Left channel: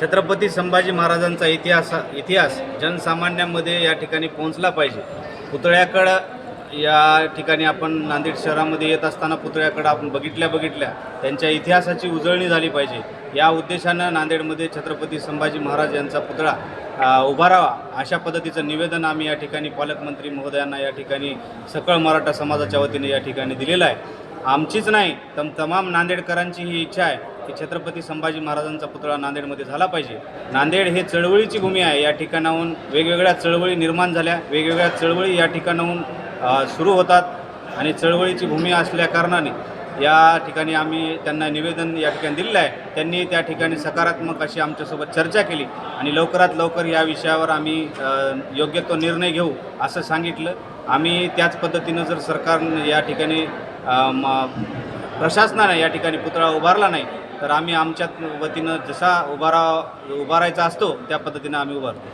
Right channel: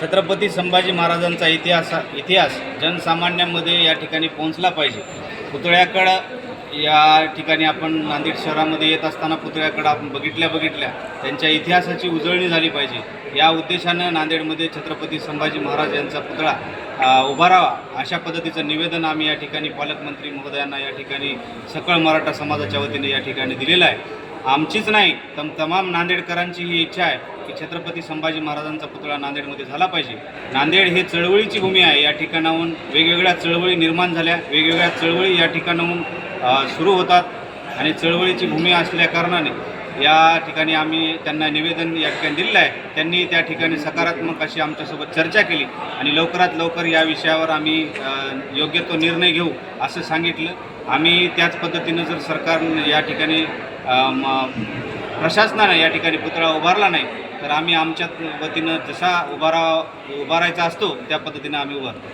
छत्रपती संभाजी महाराजांचा इतिहास इतिहास जनसामान्यांमध्ये या ठिकाणी पोहोचला पाहिजे. पुतळ्याकडं या ठिकाणी आपण नांदेड शहरामध्ये येत असताना पुतळ्याकडं आपण बघितल्या बघितल्या त्यांच्या इतिहासाची उजळणी झाली पाहिजे. या उद्देशानं नांदेडमध्ये छत्रपती संभाजी महाराज यांचा पुतळा उभारावा अशा पद्धतीचं निवेदन आम्ही या ठिकाणी पालकमंत्री महोदयांना या ठिकाणी सकळ मराठा समाजाच्या वतीने या ठिकाणी दिलेलं आहे. आमचीच नाही तम तमाम नांदेडकरांची ही इच्छा आहे की छत्रपती संभाजी महाराजांचा पुतळा नांदेडमध्ये झाला पाहिजे. नांदेड हे चळवळीची भूमी आहे. या ठिकाणाहून वेगवेगळ्या चळवळी निर्माण झाल्या. वेगवेगळ्या चळवळी या ठिकाणाहून सुरू होतात आणि चळवळीची भूमी असल्या कारणाने या ठिकाणी आम्ही त्यांना निवेदन या ठिकाणी दिलेलं आहे. त्यांनी त्या ठिकाणी सकारात्मक अशी आमच्यासोबत चर्चा केली आणि लवकरात लवकर या विषयावर आम्ही योग्य तो निर्णय घेऊ असं सांगितलं. आम्ही त्याच पद्धतीनं जर सरकारनं या ठिकाणी प्रशासनानं या ठिकाणी पुतळा उभारला नाही. तर आम्ही आमच्या वतीनं जसा उभारा उभारायचा असतो त्या पद्धतीनं आम्ही उभारतो.